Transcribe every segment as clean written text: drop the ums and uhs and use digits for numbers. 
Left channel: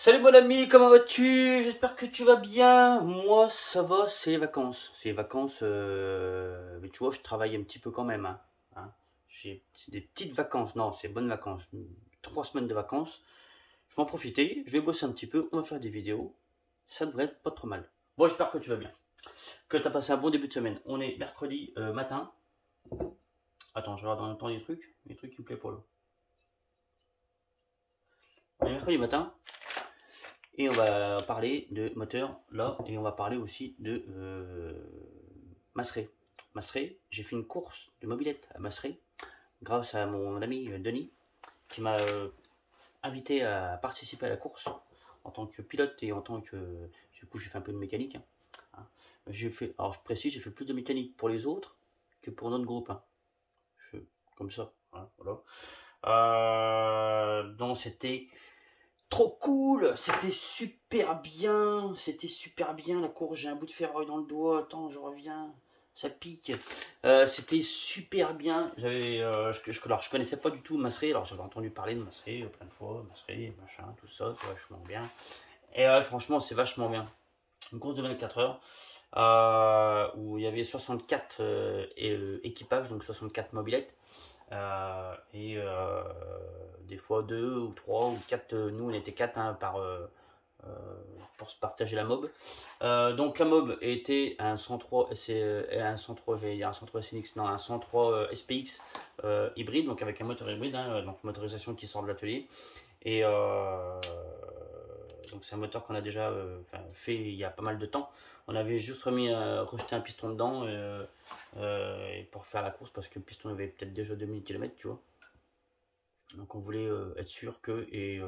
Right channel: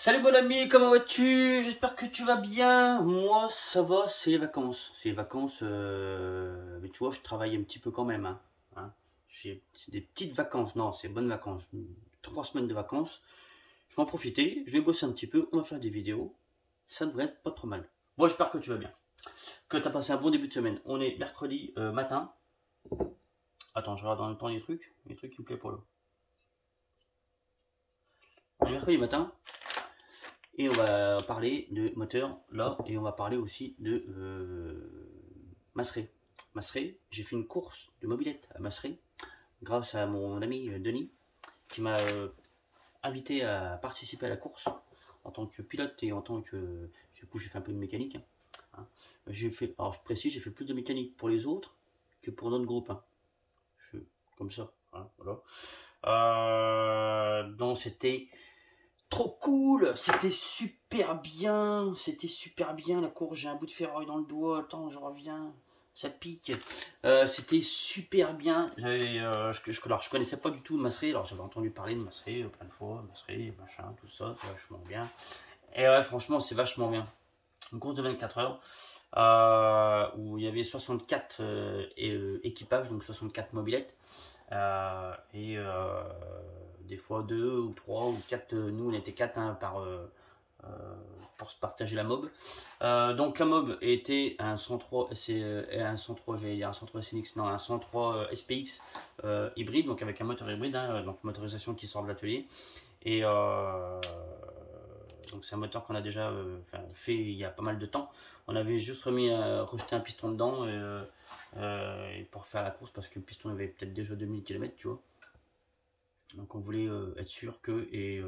Salut mon ami, comment vas-tu? J'espère que tu vas bien. Moi ça va, c'est les vacances. C'est les vacances, mais tu vois, je travaille un petit peu quand même. Hein. J'ai des petites vacances, non, c'est bonnes vacances. 3 semaines de vacances. Je vais en profiter, je vais bosser un petit peu, on va faire des vidéos. Ça devrait être pas trop mal. Bon, j'espère que tu vas bien. Que tu as passé un bon début de semaine. On est mercredi matin. Attends, je regarde en même temps les trucs qui me plaisent pour l'eau. On est mercredi matin. Et on va parler de moteur là, et on va parler aussi de Masseray. Masseray, j'ai fait une course de mobilette à Masseray grâce à mon ami Denis qui m'a invité à participer à la course en tant que pilote et en tant que... Du coup, j'ai fait un peu de mécanique. J'ai fait, alors je précise, j'ai fait plus de mécanique pour les autres que pour notre groupe. Comme ça. Voilà. Donc c'était trop cool, c'était super bien la course, j'ai un bout de ferraille dans le doigt, attends je reviens, ça pique, c'était super bien, alors je connaissais pas du tout Masseray, alors j'avais entendu parler de Masseray plein de fois, Masseray, machin, tout ça, c'est vachement bien, et ouais franchement c'est vachement bien, une course de 24 heures, où il y avait 64 équipages, donc 64 mobilettes, des fois 2 ou 3 ou 4, nous on était 4 hein, pour se partager la mob. Donc la mob était un 103, un 103, j'allais dire un 103 SNX, non un 103 SPX hybride, donc avec un moteur hybride, hein, donc motorisation qui sort de l'atelier. Et donc c'est un moteur qu'on a déjà fait il y a pas mal de temps. On avait juste rejeté un piston dedans et pour faire la course parce que le piston avait peut-être déjà 2000 km, tu vois. Donc on voulait être sûr que, et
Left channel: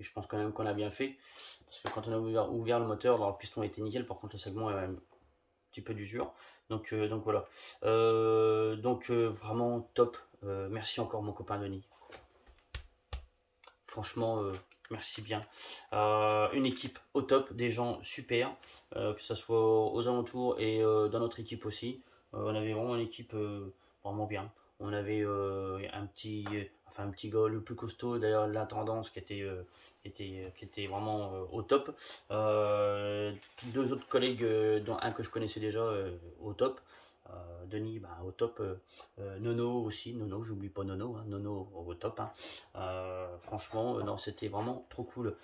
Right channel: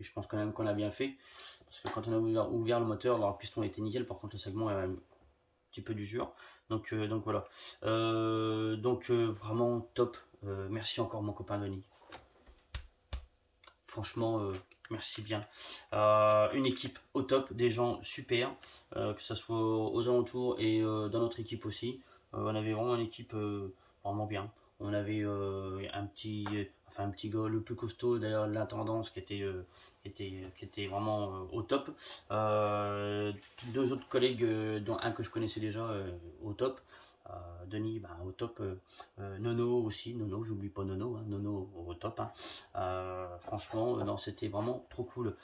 je pense quand même qu'on a bien fait, parce que quand on a ouvert le moteur, alors, le piston était nickel, par contre le segment est un petit peu d'usure. Donc voilà. Vraiment top. Merci encore mon copain Denis. Franchement, merci bien. Une équipe au top, des gens super, que ce soit aux alentours et dans notre équipe aussi. On avait vraiment une équipe vraiment bien. On avait un petit gars le plus costaud d'ailleurs de l'intendance qui était vraiment au top. Deux autres collègues, dont un que je connaissais déjà au top. Denis au top, Nono aussi, Nono, j'oublie pas Nono, hein, Nono au top. Franchement, non, c'était vraiment trop cool.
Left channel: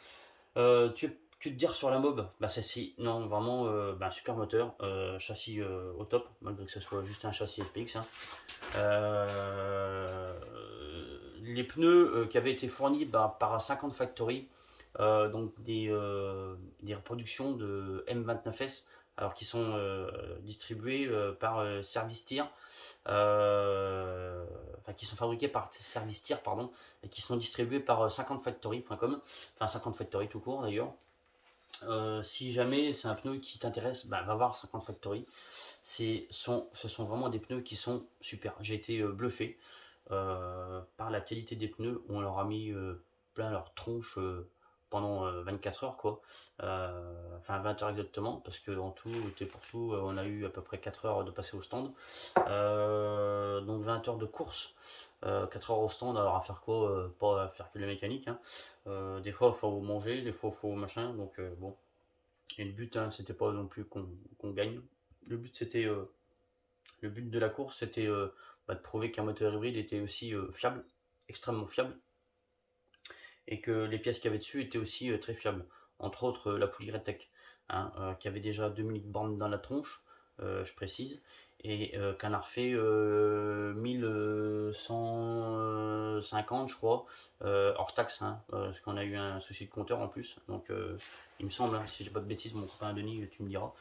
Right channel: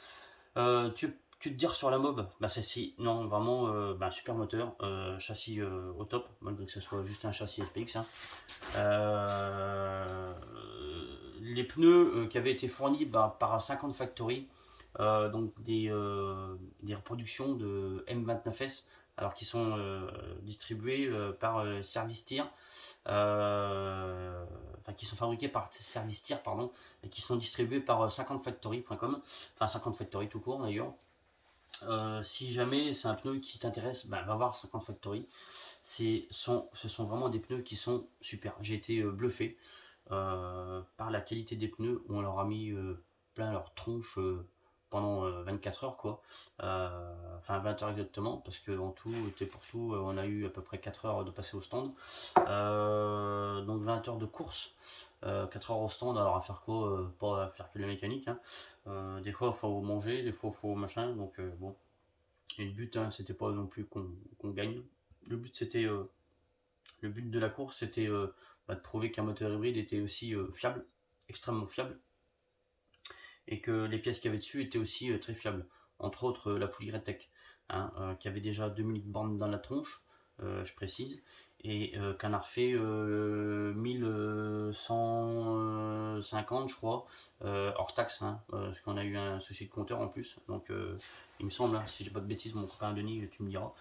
Que te dire sur la mob? Non, vraiment, super moteur, châssis au top, malgré que ce soit juste un châssis SPX. Les pneus qui avaient été fournis par 50 Factory, donc des reproductions de M29S, alors qui sont distribués par Service Tir, qui sont fabriqués par Service Tir, pardon, et qui sont distribués par 50factory.com, enfin 50 Factory tout court d'ailleurs. Si jamais c'est un pneu qui t'intéresse, va voir 50 Factory. Ce sont vraiment des pneus qui sont super. J'ai été bluffé par la qualité des pneus. On leur a mis plein leur tronche pendant 24 heures quoi. Enfin 20 heures exactement, parce que en tout et pour tout on a eu à peu près 4 heures de passer au stand. Donc 20 heures de course, 4 heures au stand. Alors à faire quoi? Pas à faire que le mécanique, hein. Des fois il faut manger, des fois il faut machin, donc bon. Et le but, hein, c'était pas non plus qu'on gagne. Le but c'était le but de la course, c'était de prouver qu'un moteur hybride était aussi fiable, extrêmement fiable, et que les pièces qu'il y avait dessus étaient aussi très fiables. Entre autres la poulie Redtech, qui avait déjà 2000 bornes dans la tronche, je précise, et qu'un a refait 1150 je crois, hors taxe, parce qu'on a eu un souci de compteur en plus, donc il me semble, si j'ai pas de bêtises, mon copain Denis tu me diras,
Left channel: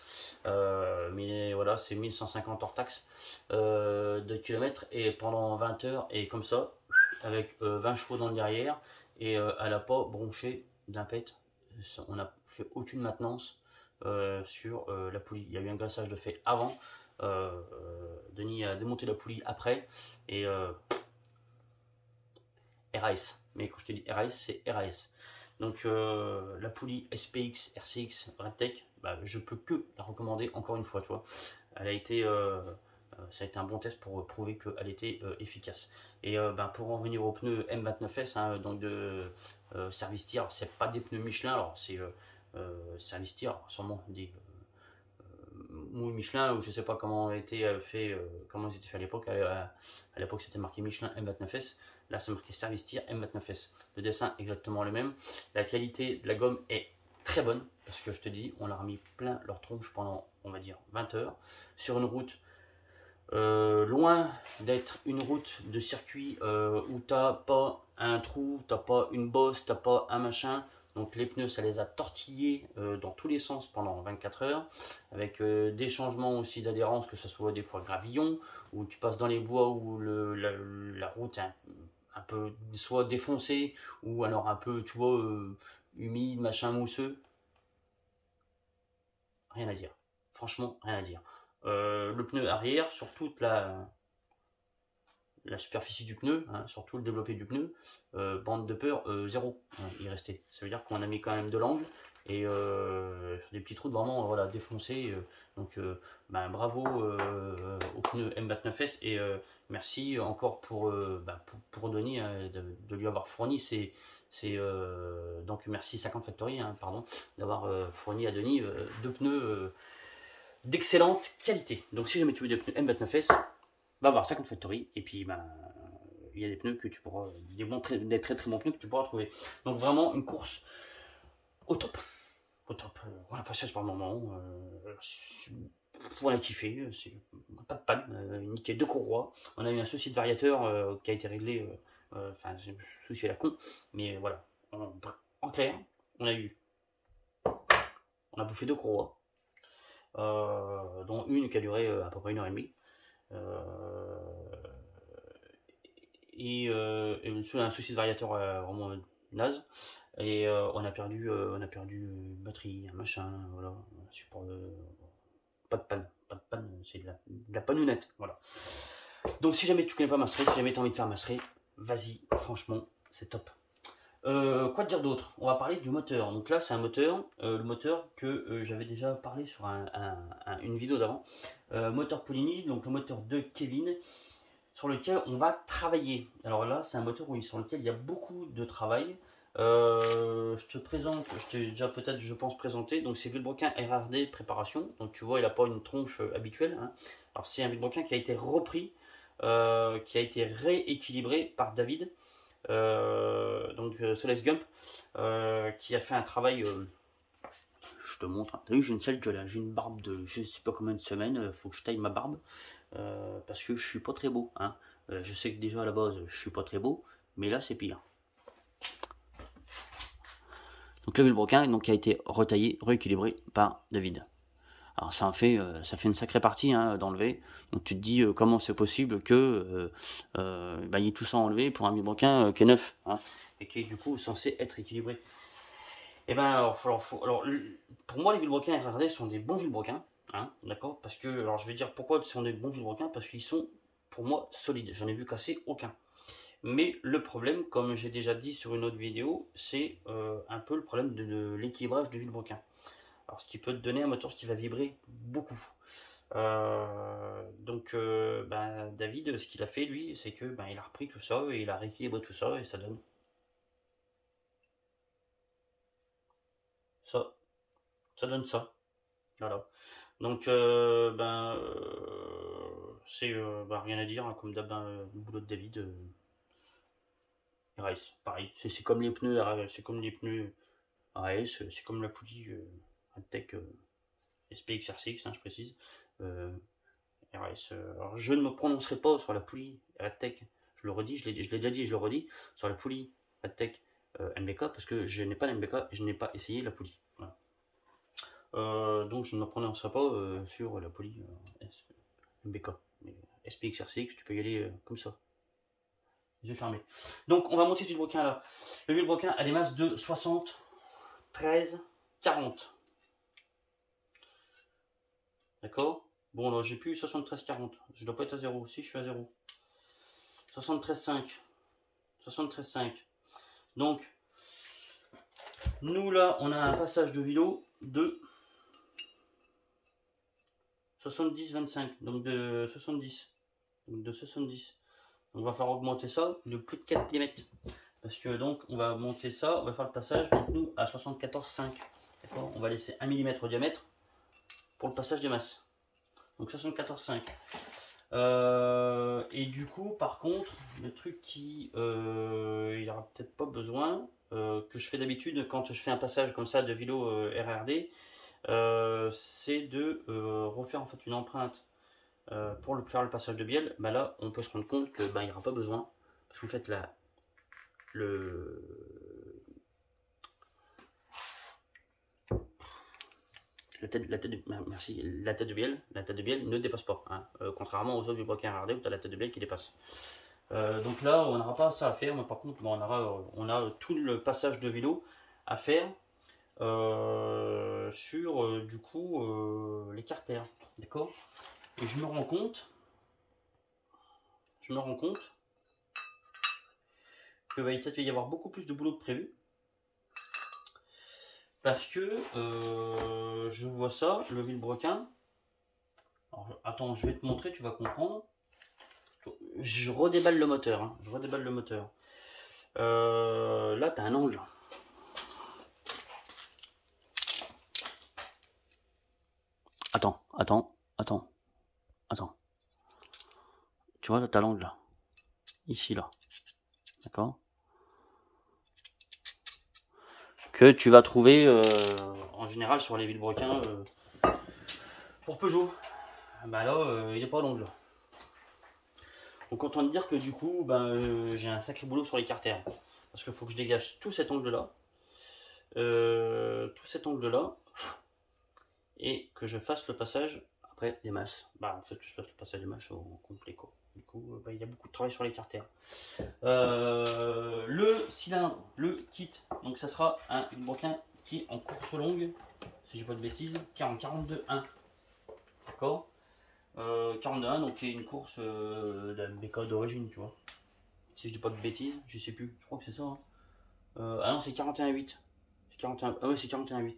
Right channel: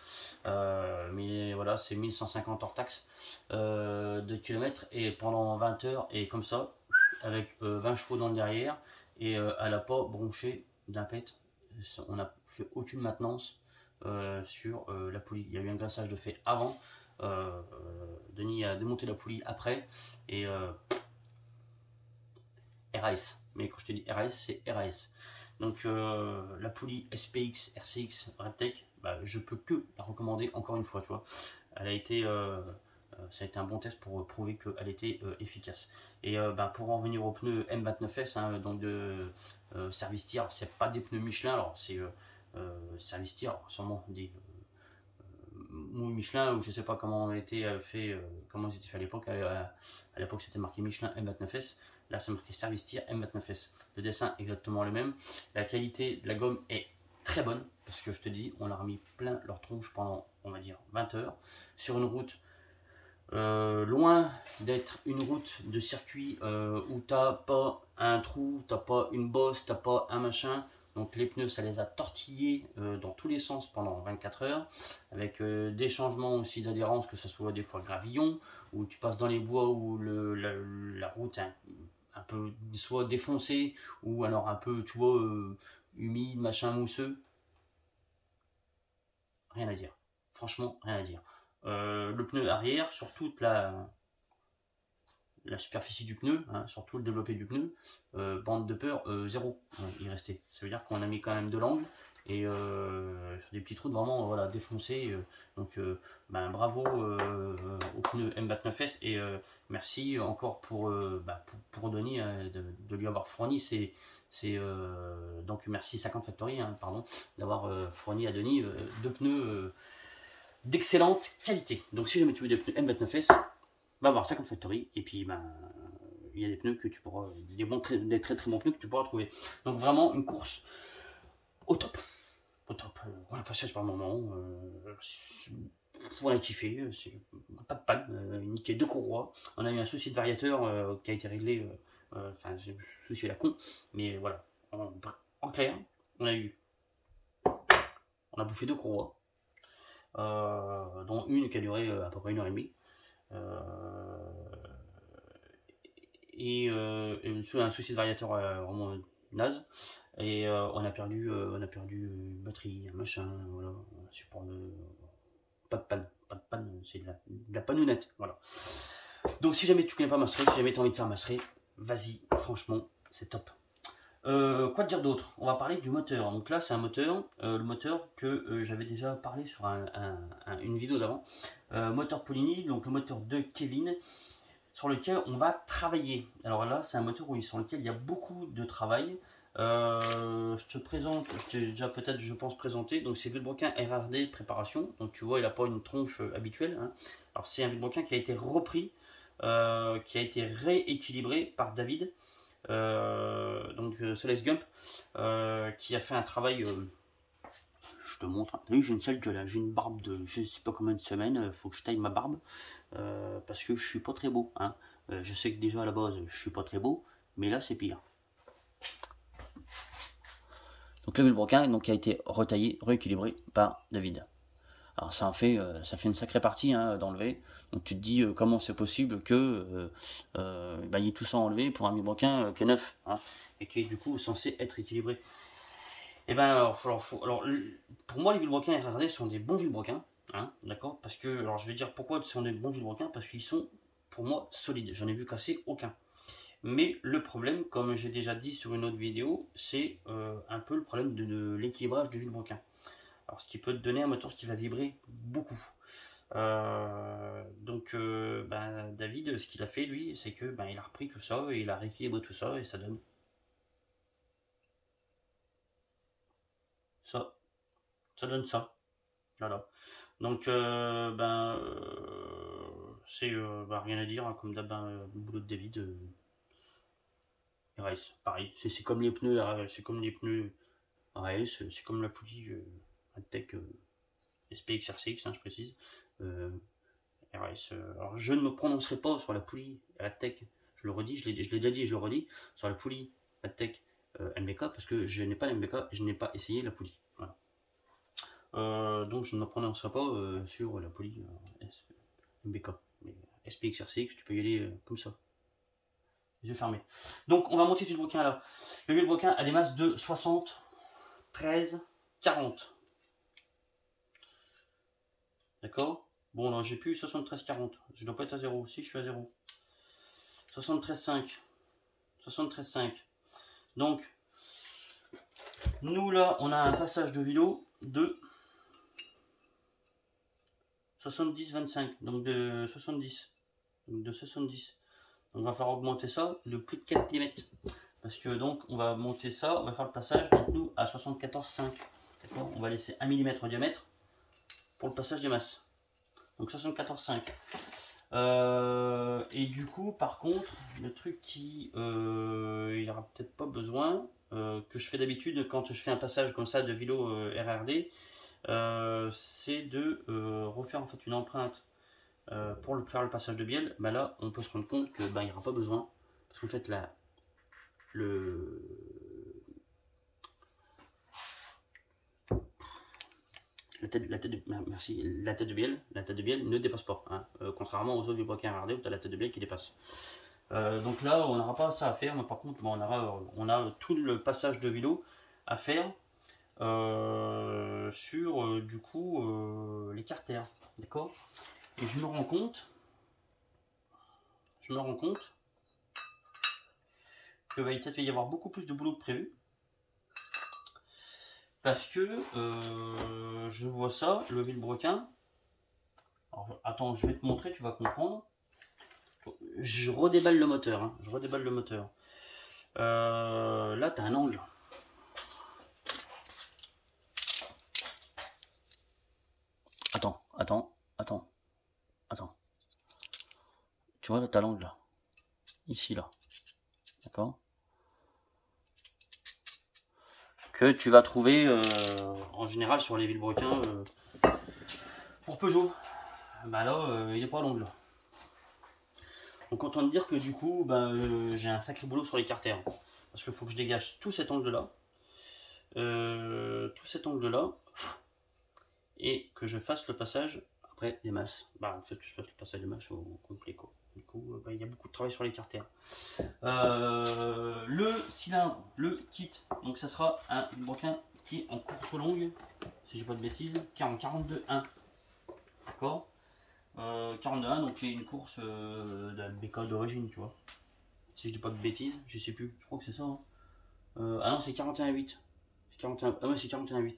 mais voilà, c'est 1150 hors taxe de kilomètres, et pendant 20 heures, et comme ça, avec 20 chevaux dans le derrière, et elle n'a pas bronché d'un pet. On n'a fait aucune maintenance sur la poulie. Il y a eu un graissage de fait avant. Denis a démonté la poulie après, et RAS. Mais quand je te dis RAS, c'est RAS. Donc la poulie SPX, RCX, Redtech, je peux que la recommander encore une fois, tu vois. Elle a été Ça a été un bon test pour prouver qu'elle était efficace. Et pour en revenir aux pneus M29S, hein, donc de Service Tire, c'est pas des pneus Michelin, alors c'est Service Tire, sûrement des Michelin, ou je sais pas comment était fait, comment ils étaient faits à l'époque. À l'époque, c'était marqué Michelin M29S. Là, c'est marqué Service Tire M29S. Le dessin est exactement le même. La qualité de la gomme est très bonne parce que je te dis, on leur a mis plein leur tronche pendant, on va dire, 20 heures sur une route. Loin d'être une route de circuit où t'as pas un trou, t'as pas une bosse, t'as pas un machin. Donc les pneus, ça les a tortillés dans tous les sens pendant 24 heures, avec des changements aussi d'adhérence, que ce soit des fois gravillon, où tu passes dans les bois où la route est un peu soit défoncée, ou alors un peu, tu vois, humide, machin, mousseux. Rien à dire. Franchement, rien à dire. Le pneu arrière, sur toute la superficie du pneu, hein, sur tout le développé du pneu, bande de peur, 0, il restait. Ça veut dire qu'on a mis quand même de l'angle, et sur des petites routes vraiment voilà, défoncées. Donc bravo au pneu M29S, et merci encore pour Denis de lui avoir fourni donc merci 50 Factory, hein, pardon, d'avoir fourni à Denis deux pneus d'excellente qualité. Donc si jamais tu veux des pneus M29S, va voir 50 Factory, et puis il y a des pneus que tu pourras, des très bons pneus que tu pourras trouver. Donc vraiment une course au top. Au top. On a passé par moment. On a kiffé. Pas de panne. Nickel, 2 courroies. On a eu un souci de variateur qui a été réglé. Enfin, souci à la con. Mais voilà. En clair, on a bouffé 2 courroies. Dont une qui a duré à peu près 1h30. Et un souci de variateur vraiment naze, et on a perdu une batterie, un machin, voilà, un support de pas de panne, c'est de la pannounette, voilà. Donc si jamais tu connais pas Mastery, si jamais tu as envie de faire Mastery, vas-y, franchement c'est top. Quoi te dire d'autre? On va parler du moteur. Donc là c'est un moteur, le moteur que j'avais déjà parlé sur une vidéo d'avant, moteur Polini, donc le moteur de Kevin, sur lequel on va travailler. Alors là, c'est un moteur sur lequel il y a beaucoup de travail. Je te présente, je t'ai déjà peut-être, je pense, présenté. Donc c'est Villebrequin RRD préparation. Donc tu vois, il n'a pas une tronche habituelle, hein. Alors c'est un Villebrequin qui a été repris, qui a été rééquilibré par David, donc Solex Gump, qui a fait un travail. Je te montre. T'as vu, j'ai une sale gueule, hein. J'ai une barbe de je sais pas combien de semaines. Faut que je taille ma barbe. Parce que je suis pas très beau, hein. Je sais que déjà à la base je suis pas très beau, mais là c'est pire. Donc le Villebrequin donc a été retaillé, rééquilibré par David. Alors ça fait une sacrée partie, hein, d'enlever. Donc tu te dis comment c'est possible que il y ait tout ça enlevé pour un Villebrequin qui est neuf, hein, et qui est du coup censé être équilibré. Et alors pour moi les Villebrequins RRD sont des bons Villebrequins. Hein, d'accord, parce que, alors je vais dire pourquoi ils sont des bons Villebrequins, parce qu'ils sont pour moi solides, j'en ai vu casser aucun. Mais le problème, comme j'ai déjà dit sur une autre vidéo, c'est un peu le problème de l'équilibrage du Villebrequin. Alors ce qui peut te donner un moteur qui va vibrer beaucoup. David, ce qu'il a fait lui, c'est que il a repris tout ça et il a rééquilibré tout ça, et ça donne ça. Ça donne ça. Voilà. Donc, c'est rien à dire, hein, comme d'hab, le boulot de David. RS, pareil. C'est comme les pneus, c'est comme les pneus RS, c'est comme la poulie Adtech SPX RCX, hein, je précise. RS. Alors, je ne me prononcerai pas sur la poulie Adtech. Je le redis, je l'ai déjà dit, je le redis, sur la poulie Adtech MBK, parce que je n'ai pas la MBK et je n'ai pas essayé la poulie. Voilà. Donc je ne me prononcerai pas sur la poulie MBK. Mais SPX RCX, tu peux y aller comme ça, les yeux fermés. Donc on va monter ce Villebrequin là. Le Villebrequin a des masses de 60, 13, 40. D'accord? Bon là j'ai plus 73, 40. Je dois pas être à 0. Si je suis à 0. 73, 5. 73, 5. Donc nous là on a un passage de vélo de 70-25, donc de 70. Donc de 70. On va faire augmenter ça de plus de 4 mm. Parce que donc on va monter ça, on va faire le passage, donc nous à 74,5. On va laisser 1 mm au diamètre pour le passage des masses. Donc 74,5. Et du coup, par contre, le truc qui il n'y aura peut-être pas besoin, que je fais d'habitude quand je fais un passage comme ça de vélo RRD, c'est de refaire en fait une empreinte pour faire le passage de bielle. Bah là, on peut se rendre compte que il n'y aura pas besoin, parce qu'en fait là, la tête de bielle ne dépasse pas, hein, contrairement aux autres vilebrequins RRD où tu as la tête de bielle qui dépasse. Donc là, on n'aura pas ça à faire, mais par contre, bon, on a tout le passage de vélo à faire sur du coup les carters, d'accord. Et je me rends compte que va peut-être y avoir beaucoup plus de boulot que prévu. Parce que je vois ça, le vilebrequin. Alors, attends, je vais te montrer, tu vas comprendre. Je redéballe le moteur. Hein, là, tu as un angle. Attends. Tu vois, là, tu as l'angle là. Ici, là. D'accord? Que tu vas trouver en général sur les vilebrequins pour Peugeot. Bah là, il n'est pas à l'angle. Donc autant te dire que du coup, j'ai un sacré boulot sur les carters. Parce qu'il faut que je dégage tout cet angle-là. Et que je fasse le passage après des masses. En fait, que je fasse le passage des masses au complet, quoi. Du coup, il y a beaucoup de travail sur les carters. Le cylindre, le kit. Donc ça sera un vilebrequin qui est en course longue, si j'ai pas de bêtises, qui est en 42.1. D'accord, 42.1, donc qui est une course d'un BK d'origine, tu vois. Si je dis pas de bêtises, je sais plus, je crois que c'est ça. Hein. Ah non, c'est 41.8. C'est 41. Ah ouais, c'est 41.8.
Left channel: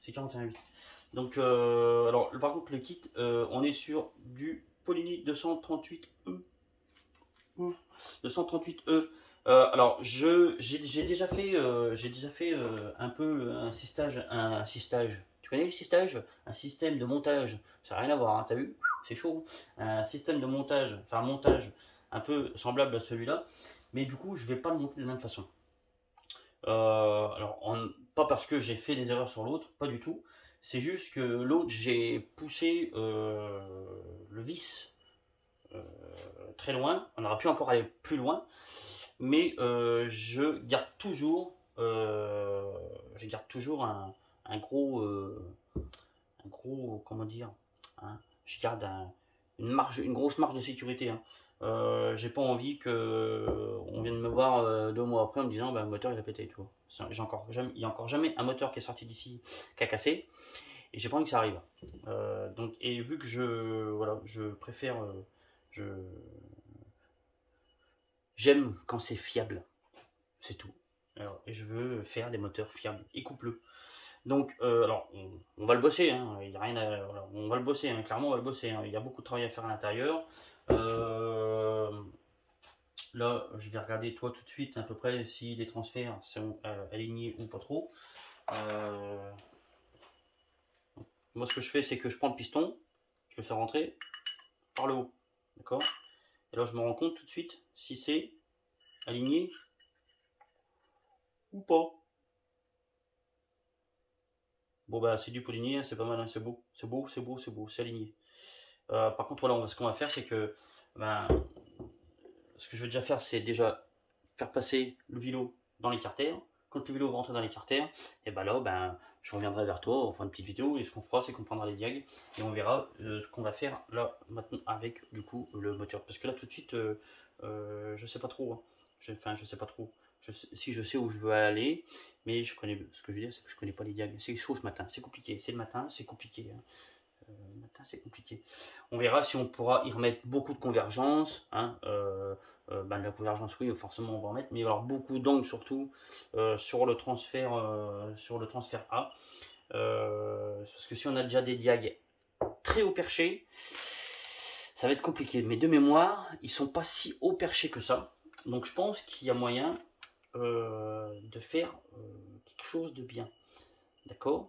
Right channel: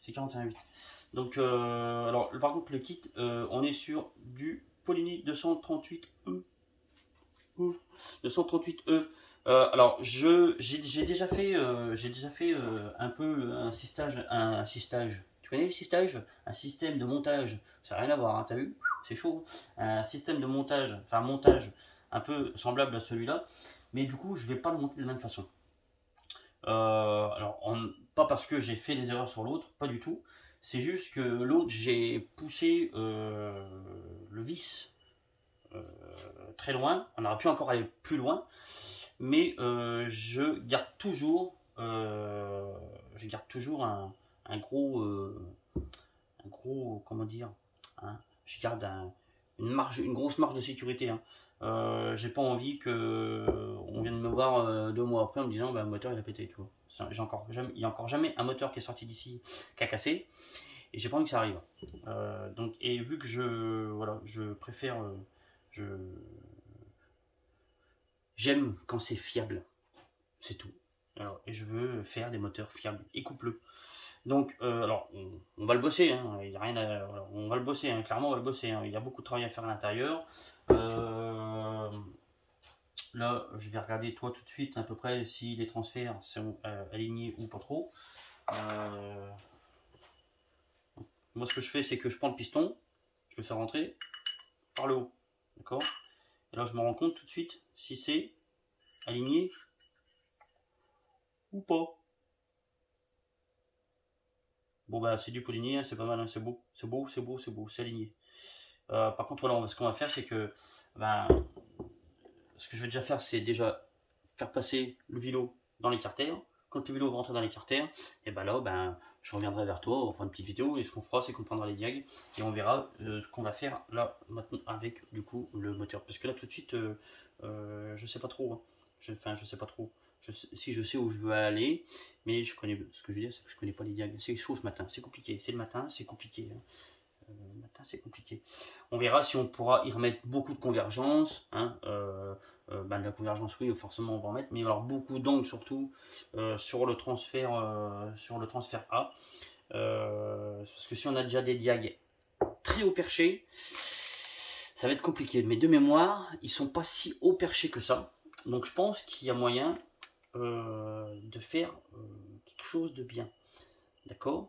C'est 41.8. Donc, alors, par contre, le kit, on est sur du Polini 238E. 238E. Alors, j'ai déjà fait un peu un sistage. Tu connais le sistage? Un système de montage. Ça n'a rien à voir, hein, t'as vu? C'est chaud. Un système de montage, enfin montage un peu semblable à celui-là. Mais du coup, je vais pas le monter de la même façon. Alors, pas parce que j'ai fait des erreurs sur l'autre, pas du tout. C'est juste que l'autre, j'ai poussé le vis très loin. On aurait pu encore aller plus loin, mais je garde toujours un gros, comment dire, hein, je garde une grosse marge de sécurité. Hein. J'ai pas envie que on vienne me voir 2 mois après en me disant le moteur il a pété, tu vois. Il y a encore jamais un moteur qui est sorti d'ici qui a cassé, et j'ai pas envie que ça arrive. Donc, et vu que je préfère j'aime quand c'est fiable, c'est tout. Alors, et je veux faire des moteurs fiables et coupleux. Donc, alors, on va le bosser, hein. Il y a rien à, voilà, on va le bosser, hein. Clairement, on va le bosser. Hein. Il y a beaucoup de travail à faire à l'intérieur. Là, je vais regarder toi tout de suite à peu près si les transferts sont alignés ou pas trop. Moi, ce que je fais, c'est que je prends le piston, je le fais rentrer par le haut, d'accord. Et là, je me rends compte tout de suite si c'est aligné ou pas. Bon c'est du Polini, hein, c'est pas mal, hein, c'est beau, c'est aligné. Par contre voilà, ce qu'on va faire c'est que ce que je vais déjà faire c'est déjà faire passer le vélo dans les carters. Quand le vélo va rentrer dans les carters, et là je reviendrai vers toi, on fera une petite vidéo et ce qu'on fera c'est qu'on prendra les diags et on verra ce qu'on va faire là maintenant avec du coup le moteur. Parce que là tout de suite je sais pas trop. Hein. Je sais pas trop. Si je sais où je veux aller, mais ce que je veux dire, c'est que je connais pas les diags. C'est chaud ce matin, c'est compliqué. C'est le matin, c'est compliqué. Hein. Le matin, c'est compliqué. On verra si on pourra y remettre beaucoup de convergence. Hein. La convergence, oui, forcément, on va en mettre, mais il va y avoir beaucoup d'angles surtout sur le transfert A. Parce que si on a déjà des diags très haut perché, ça va être compliqué. Mais de mémoire, ils sont pas si haut perché que ça. Donc je pense qu'il y a moyen de faire quelque chose de bien. D'accord?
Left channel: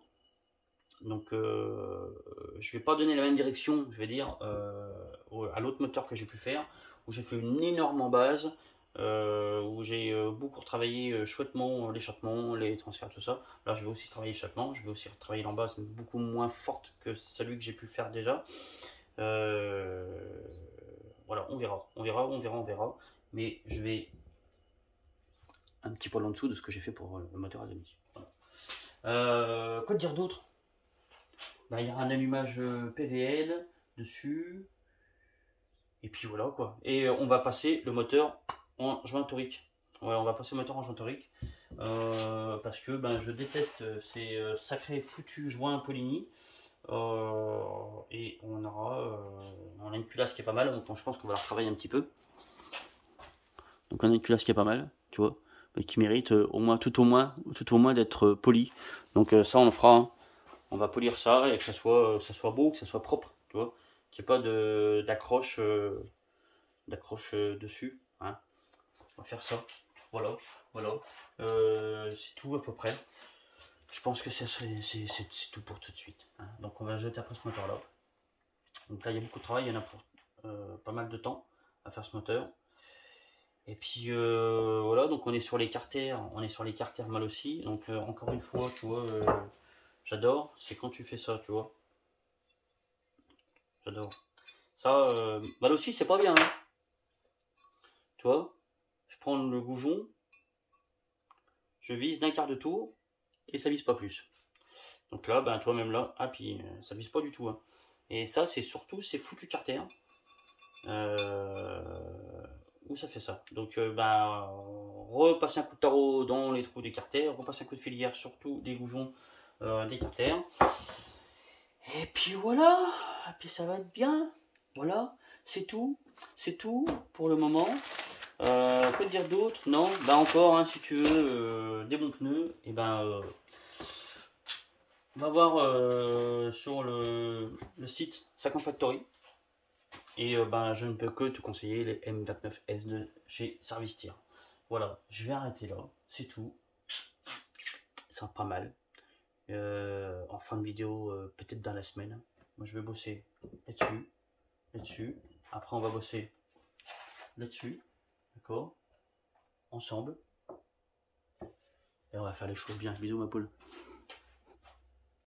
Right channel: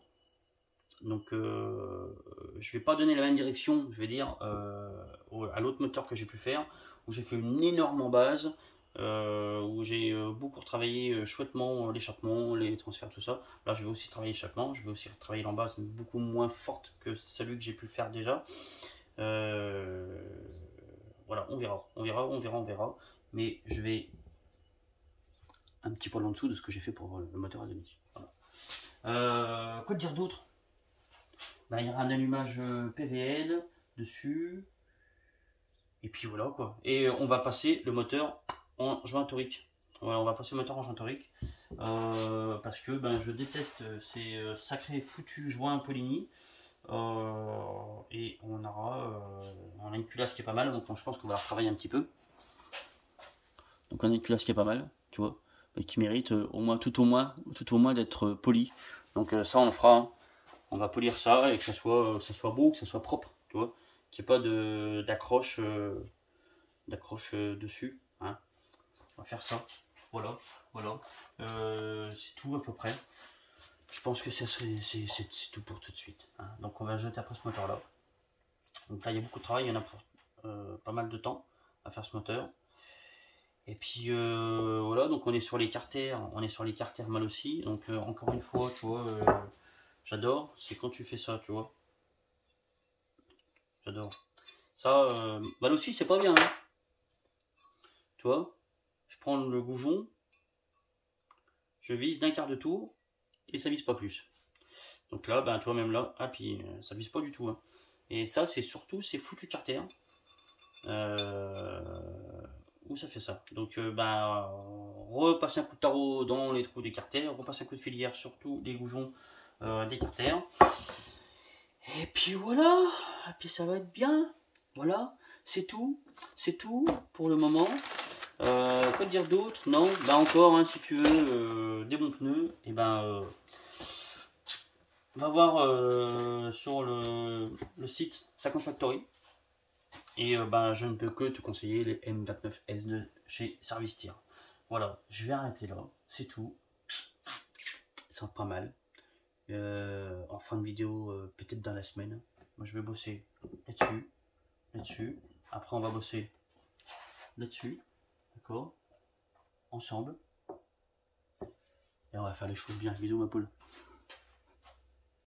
Donc je vais pas donner la même direction, je vais dire, à l'autre moteur que j'ai pu faire, où j'ai fait une énorme en base, où j'ai beaucoup retravaillé chouettement l'échappement, les transferts, tout ça. Là je vais aussi travailler l'échappement, je vais aussi retravailler l'embase beaucoup moins forte que celui que j'ai pu faire déjà. Voilà, on verra. Mais je vais un petit poil en dessous de ce que j'ai fait pour le moteur à demi. Voilà. Quoi dire d'autre? Bah, il y a un allumage PVL dessus. Et puis voilà quoi. Et on va passer le moteur en joint torique. Ouais, on va passer le moteur en joint torique. Parce que ben, je déteste ces sacrés foutus joints Poligny. Et on a une culasse qui est pas mal. Donc je pense qu'on va la retravailler un petit peu. Donc on a une culasse qui est pas mal, tu vois. Mais qui mérite tout au moins d'être poli. Donc ça on le fera. Hein. On va polir ça et que ça soit beau, que ça soit propre, tu vois, qu'il n'y ait pas d'accroche dessus. Hein. On va faire ça. Voilà. C'est tout à peu près. Je pense que c'est tout pour tout de suite. Hein. Donc on va jeter après ce moteur là. Donc là il y a beaucoup de travail, il y en a pour pas mal de temps à faire ce moteur. Et puis voilà, donc on est sur les carters, mal aussi. Donc encore une fois, tu vois. J'adore, c'est quand tu fais ça, tu vois. J'adore. Ça, mal aussi, c'est pas bien. Hein. Tu vois, je prends le goujon, je vise d'un quart de tour, et ça vise pas plus. Donc là, ben, tu vois, même là, ah, puis ça vise pas du tout. Hein. Et ça, c'est surtout ces foutus carters où ça fait ça. Donc, ben, repasser un coup de tarot dans les trous des carters, repasser un coup de filière, surtout les goujons des carters. Et puis voilà, et puis ça va être bien. Voilà, c'est tout pour le moment. Quoi dire d'autre? Non, bah encore, hein, si tu veux des bons pneus, et ben va voir sur le site 50 Factory. Et ben je ne peux que te conseiller les M29S de chez Service Tire. Voilà, je vais arrêter là, c'est tout. C'est pas mal. En fin de vidéo, peut-être dans la semaine. Moi je vais bosser là-dessus. Après on va bosser là-dessus. D'accord? Ensemble. Et on va faire les choses bien. Bisous ma poule.